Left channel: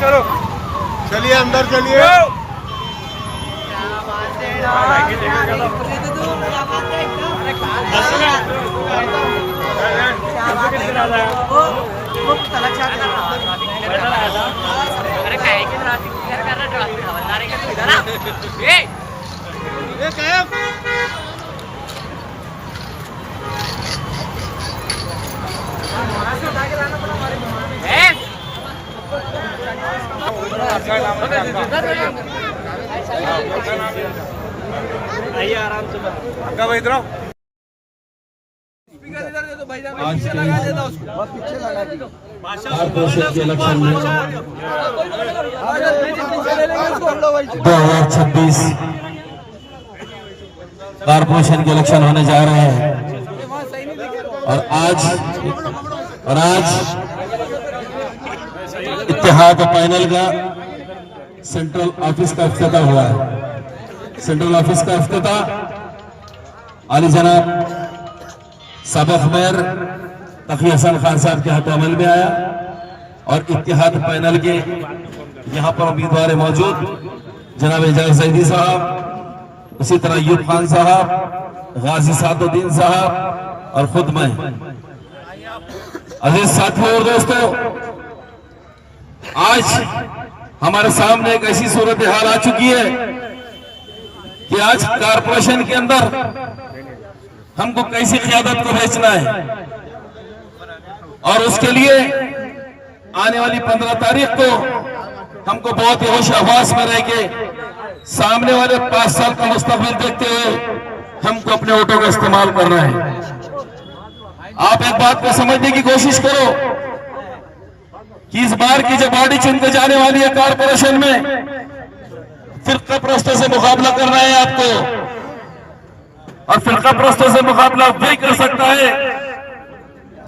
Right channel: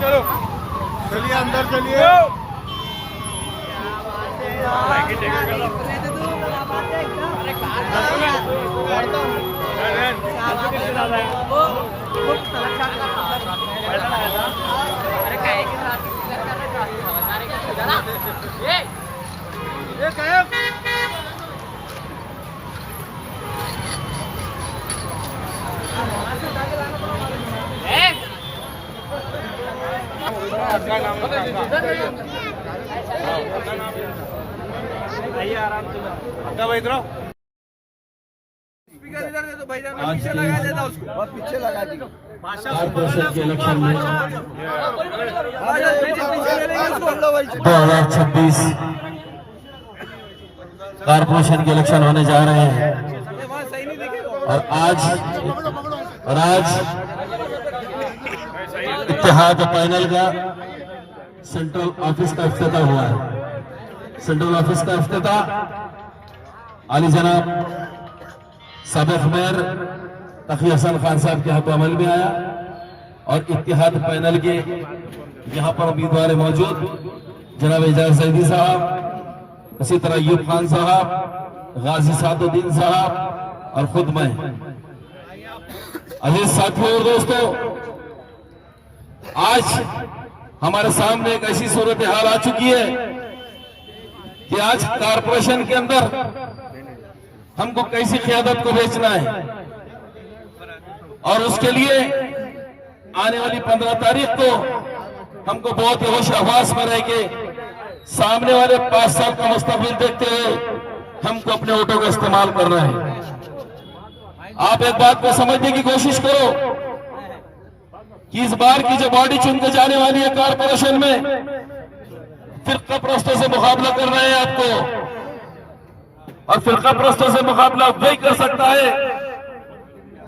चलो चलिए अंदर चलिए। अरे काय की ट्रॅफिक क्लिअर कर रहा ट्रॅफिक हवलदार है क्या तू इधर आ ए काय आज के कॉर्पोरेशन के इलेक्शन में 2026 कॉर्पोरेशन के इलेक्शन होने जा रहे हैं और आज इत्तेहाद पैनल का सेंट्रल ऑफिस का इफ्तिताह हुआ है। सेंट्रल ऑफिस का इफ्तिताह आली जनाब साबिक मेयर तकी हसन खान साहब के हाथों अमल में आया और इत्तेहाद पैनल के यहाँ पर उम्मीदवार मौजूद जनाब एजाज जैदी साहब, उसी तरह अयूब खान साहब, गाजी सादुद्दीन साहब और खुद मैं। अजीज साथियों और दोस्तों, आज हमारे सामने एक ऐसी सूरत हाल आ चुकी है कि आज कारपोरेशन के अंदर हमको कैसी क़यादत को बेचना है और उसके लिए आने वाली 15 तारीख को हमको बहुत ही होश हवास में रह के सामने वाले 5 साल का मुस्तकबिल देखते हुए हमको अपने वोटों का इस्तेमाल करना है। आप एक बात को समझने की कोशिश करो कि इस बार की जो बॉडी चुन के जाने वाली है कारपोरेशन में, फिरका परस्तों से मुकाबला करना है आपको और फिरका परस्तों से मुकाबला वही कर सकता है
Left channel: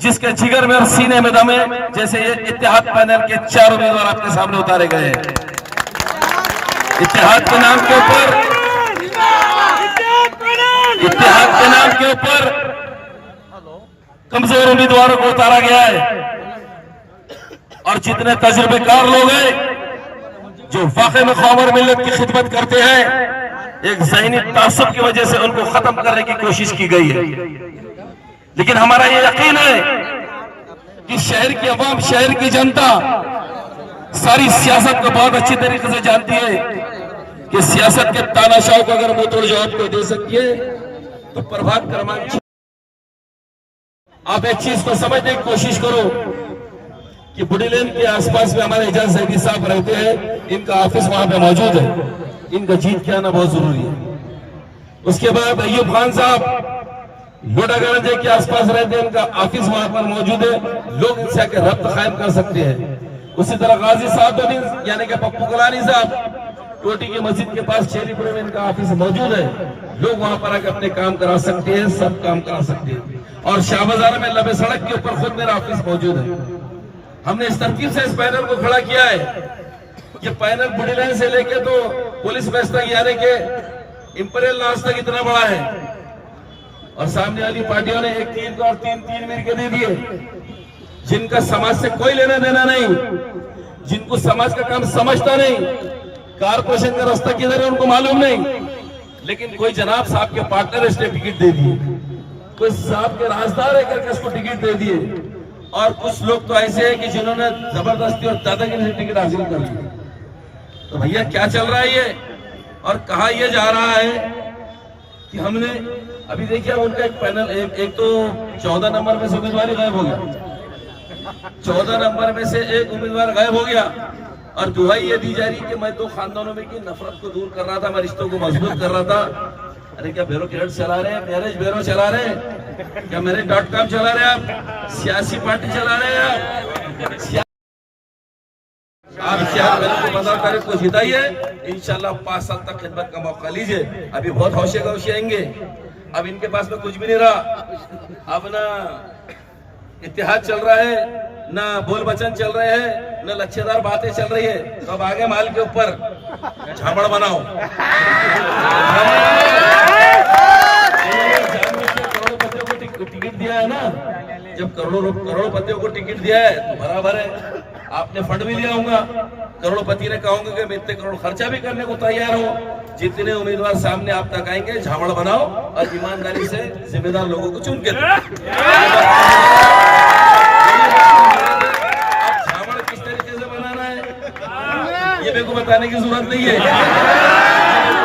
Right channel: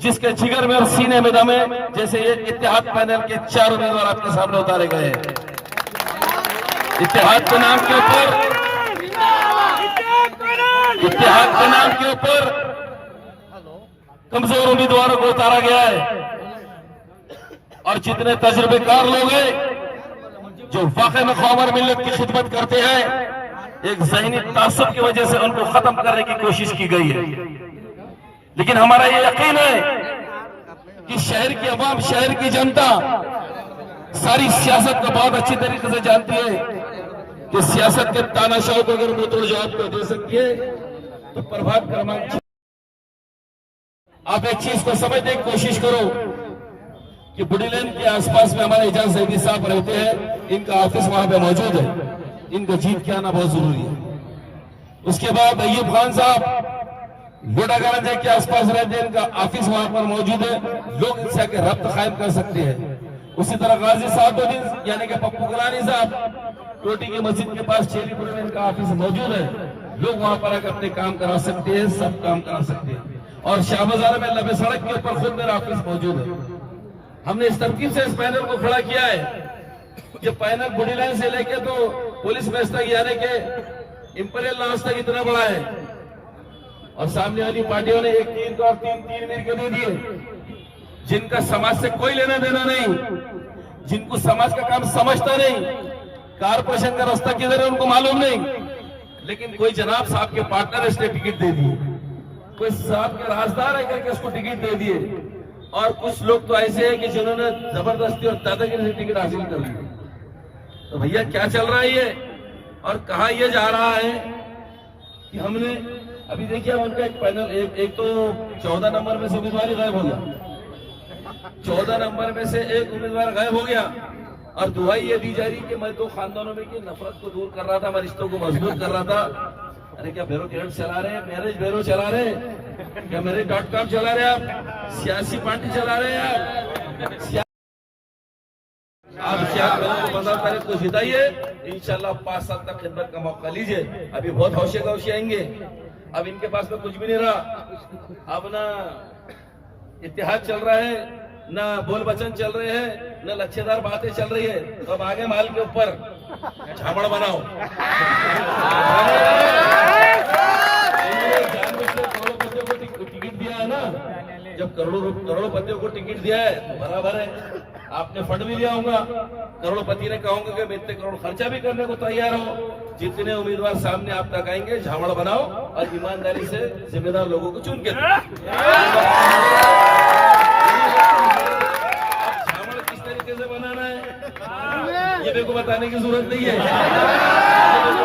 जिसके जिगर में और सीने में दम है। जैसे ये इत्तेहाद पैनल के 4 उम्मीदवार आपके सामने उतारे गए हैं। इत्तेहाद के नाम के ऊपर कमजोर उम्मीदवारों को उतारा गया है और जितने तजुर्बेकार लोग हैं जो वाकई में कौम और मिल्लत की खिदमत करते हैं, एक ज़हनी तासुब की वजह से उनको खत्म करने की कोशिश की गई है। लेकिन हमारा ये यकीन है कि शहर की अवाम, शहर की जनता सारी सियासत को बहुत अच्छी तरीके से जानती है कि सियासत के तानाशाह को अगर मुंह तोड़ जवाब को दे सकती है तो प्रभात क्रमांक। आप एक चीज को समझने की कोशिश करो कि बुढ़ी लेन के आसपास में हमारे एजाज जैदी साहब रहते हैं, इनका ऑफिस वहां पे मौजूद है, इनका जीत के आना बहुत जरूरी है। उसके बाद अयूब खान साहब लोडागंज के आसपास रहते हैं, इनका ऑफिस वहां पर मौजूद है, लोग इनसे आके रब्त कायम कर सकते हैं। उसी तरह गाजी साहब यानी कि पप्पू कलानी साहब टोटी की मस्जिद के पास चेरीपुर में इनका ऑफिस मौजूद है, लोग वहां पर आकर अपने काम करा सकते हैं, सब काम करा सकते हैं। और शाह बाजार में लबे सड़क के ऊपर खुद मेरा ऑफिस मौजूद है। हमने इस तरकीब से इस पैनल को खड़ा किया है। ये पैनल बुढ़ी लाइन से लेके तो पुलिस बेस तक यानी के इंपीरियल लॉज तक इतना बड़ा है और सामने वाली पार्टियों ने एक तीर को और तीन मीर के दे दिए, जिनका समाज से कोई लेना देना नहीं, जिनको समाज का काम समझता नहीं, कारपोरेशन का रास्ता किधर है उनको मालूम नहीं, लेकिन कोई जनाब साहब के पार्टनर इसने टिकट दे दिए, कोई साहब के राजदार है करके उसको टिकट दे दिए और कुछ लोग तो ऐसे हैं कि जिन्होंने जबरदस्ती और दादागिरी से टिकट हासिल कर ली। तो भैया क्या चल रहा है ये और कहा ये जा रहा है कि हमने अभी देखिए उनका एक पैनल एक तो 14 नंबर में से उम्मीदवार गायब हो गया, 14 नंबर में से एक उम्मीदवार गायब हो गया और दुआई ये दी जा रही कि मैं 2 खानदानों में की नफरत को दूर कर रहा था, मैं रिश्तों को मजबूत कर रहा था। अरे क्या ब्यूरोक्रेट चला रहे हैं, मैरिज ब्यूरो चला रहे हैं, क्या मैरिज.com चला रहे हैं, आप सियासी पार्टी चला रहे हैं, आप क्या 15 तारीख को जिताइए, इंशाल्लाह 5 साल तक खिदमत का मौका लीजिए। अभी बहुत हौशे गौशे आएंगे, अब इनके पास में कुछ भी नहीं रहा, अब ना इत्तेहाद चल रहा है, ना बोल बचन चल रहे हैं, ना लच्छेदार बातें चल रही है, तो अब आगे माल के ऊपर झापड़ बनाओ। करोड़पतियों को टिकट दिया है ना, जब करोड़ों पतियों को टिकट दिया है तो बराबर है। आपने फंड भी लिया होगा, करोड़पति ने कहूंगा कि मैं इतने करोड़ खर्चा भी करने को तैयार हूं। जितने उम्मीदवार सामने आप तक आएंगे झामड़ बनाओ और ईमानदारी से जिम्मेदार लोगों को चुन के दो। अब झामड़ किस तरीके से बनाना है ये मेरे को बताने की जरूरत नहीं है,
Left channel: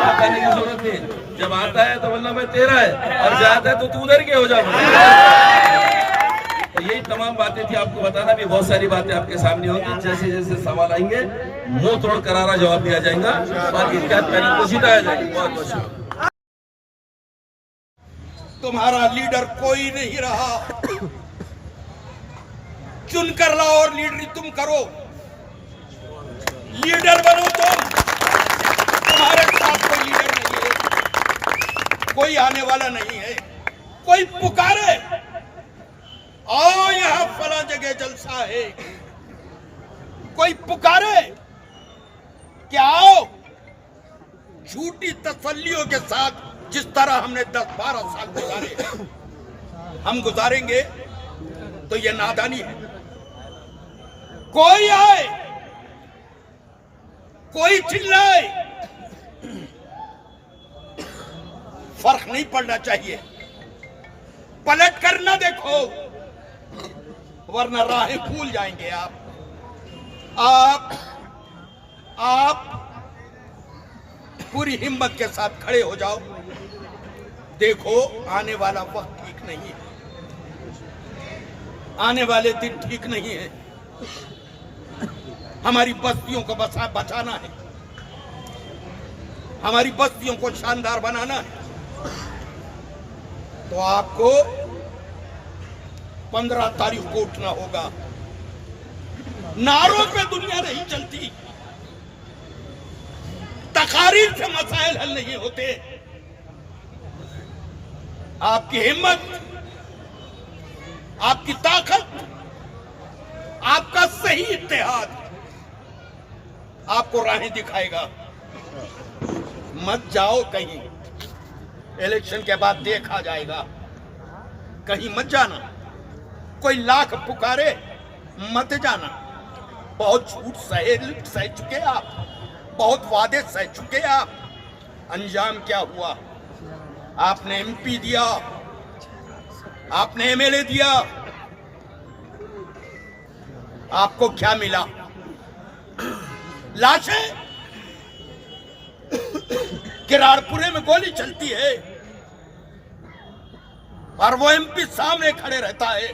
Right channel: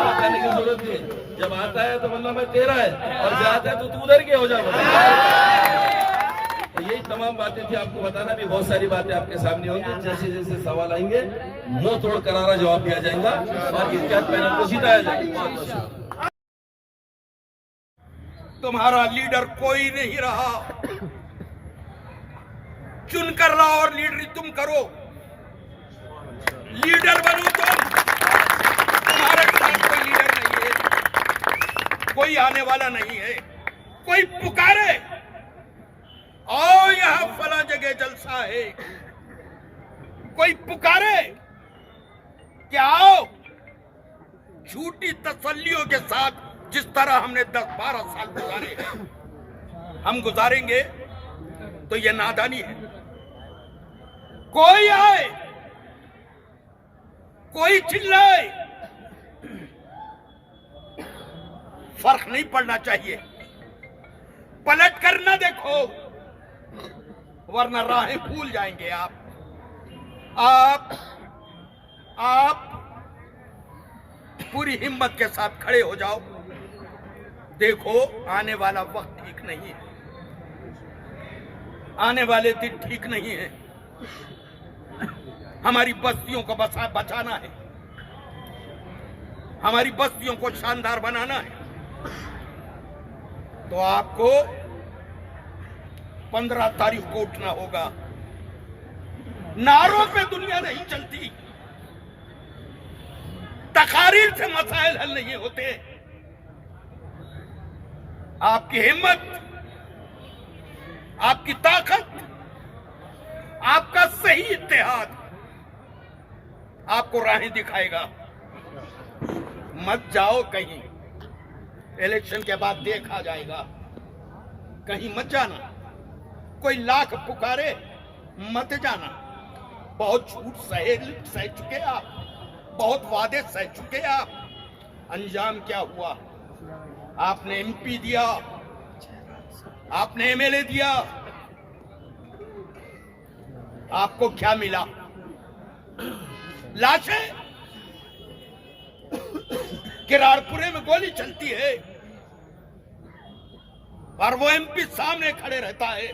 बताने की जरूरत नहीं। जब आता है तो मतलब मैं तेरा है और जाता है तो तू उधर के हो जा। तो यही तमाम बातें थी, आपको बताना भी बहुत सारी बातें आपके सामने होंगी। जैसे जैसे सवाल आएंगे मुंह तोड़ करारा जवाब दिया जाएगा, बाकी पैनल को जिताया जाएगा। बहुत बहुत शुक्रिया। तुम्हारा लीडर कोई नहीं रहा, चुन कर लाओ और लीडरी तुम करो। लीडर बनो तुम, तुम्हारे साथ कोई लीडर नहीं है, कोई आने वाला नहीं है। कोई पुकारे आओ यहां फला जगह जलसा है, कोई पुकारे कि आओ, झूठी तसल्लियों के साथ जिस तरह हमने 10-12 साल गुजारे हैं हम गुजारेंगे, तो ये नादानी है। कोई आए, कोई चिल्लाए, फर्क नहीं पड़ना चाहिए। पलट कर न देखो, वरना राहें भूल जाएंगे आप पूरी हिम्मत के साथ खड़े हो जाओ। देखो आने वाला वक्त ठीक नहीं है, आने वाले दिन ठीक नहीं है। हमारी बस्तियों को बचाना है, हमारी बस्तियों को शानदार बनाना है। तो आपको 15 तारीख को उठना होगा। नारों पे दुनिया नहीं चलती, तकारीर से मसाइल हल नहीं होते। आपकी हिम्मत, आपकी ताकत, आपका सही इत्तेहाद आपको राहें दिखाएगा। मत जाओ कहीं, इलेक्शन के बाद देखा जाएगा, कहीं मत जाना। कोई लाख पुकारे मत जाना। बहुत झूठ सह चुके आप, बहुत वादे सह चुके आप। अंजाम क्या हुआ? आपने एमपी दिया, आपने एमएलए दिया, आपको क्या मिला? लाशें। किरारपुरे में गोली चलती है और वो एमपी सामने खड़े रहता है,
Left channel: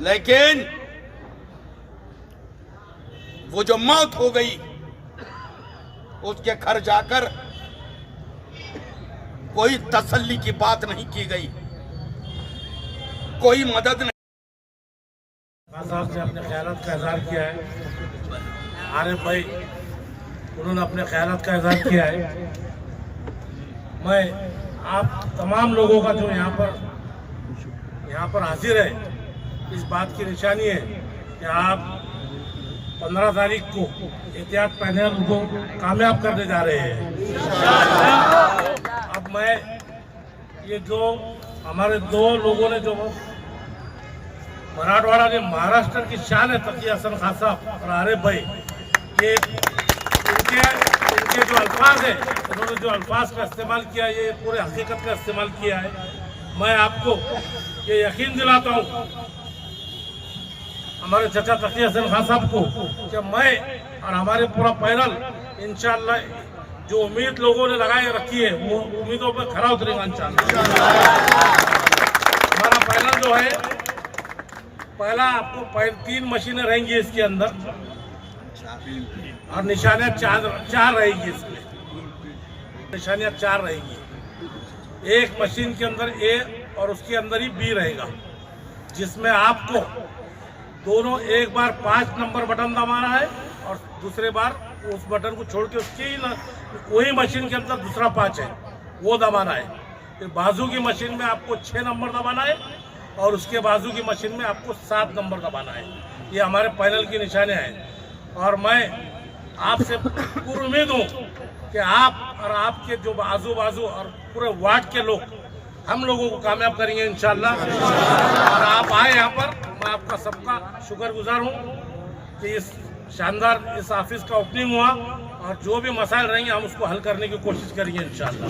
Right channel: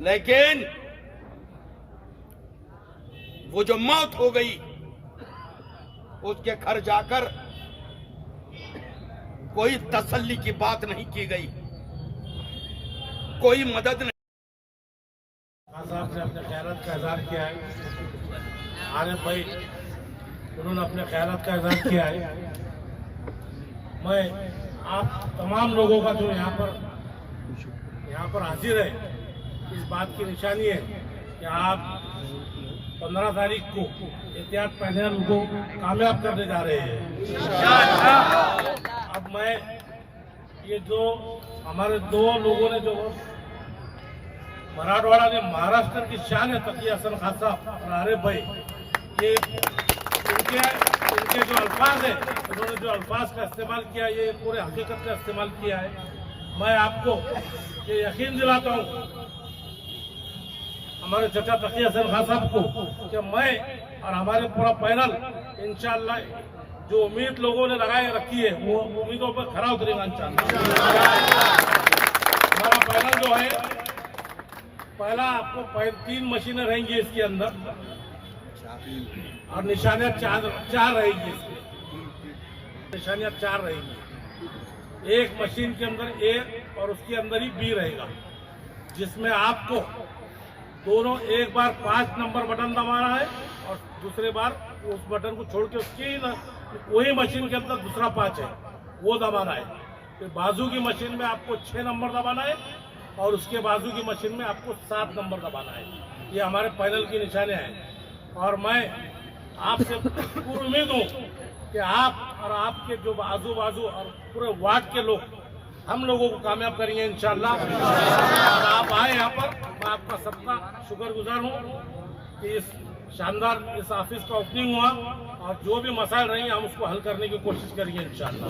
लेकिन वो जो मौत हो गई उसके घर जाकर कोई तसल्ली की बात नहीं की गई, कोई मदद नहीं। साहब ने अपने ख्यालात का इजहार किया है, आरिफ भाई उन्होंने अपने ख्यालात का इजहार किया है। मैं आप तमाम लोगों का जो यहाँ पर हाजिर है, इस बात की निशानी है कि आप 15 तारीख को एहतियात पैनल को कामयाब करने जा रहे हैं। अब मैं ये जो हमारे 2 लोगों ने जो मराठवाड़ा के महाराष्ट्र की शान है, तकिया हसन खान साहब और आरिफ भाई, ये इनके जो अल्फाज है, उन्होंने जो अल्फाज का इस्तेमाल किया, ये पूरे हकीकत का इस्तेमाल किया है। मैं आपको ये यकीन दिलाता हूँ हमारे चचा तकिया हसन खान साहब को कि मैं और हमारे पूरा पैनल इंशाअल्लाह जो उम्मीद लोगों ने लगाए रखी है वो उम्मीदों पर खरा उतरेगा इंशाअल्लाह। हमारा पैनल जो है, पहला आपको 3 मशीनें रहेंगी इसके अंदर और निशानियाँ 4 रहेगी। इसमें निशानियाँ 4 रहेगी। एक मशीन के अंदर ए और उसके अंदर ही बी रहेगा, जिसमें आपको दोनों एक बार 5 नंबर बटन दबाना है और दूसरे बार उस बटन को छोड़ के उसके ही वही मशीन के अंदर दूसरा 5 है वो दबाना है। फिर बाजू की मशीन में आपको 6 नंबर दबाना है और उसके बाजू की मशीन में आपको 7 नंबर दबाना है। ये हमारे पैनल की निशानियाँ हैं और मैं आपसे पूरी उम्मीद हूँ कि आप और आपके जो आजू बाजू और पूरे वार्ड के लोग हम लोगों को कामयाब करेंगे इंशाल्लाह। और आप आए यहाँ पर, मैं आपका सबका शुक्रगुजार हूँ कि इस शानदार इस ऑफिस का ओपनिंग हुआ और जो भी मसाइल रहेंगे हम उसको हल करने की कोशिश करेंगे इंशाल्लाह।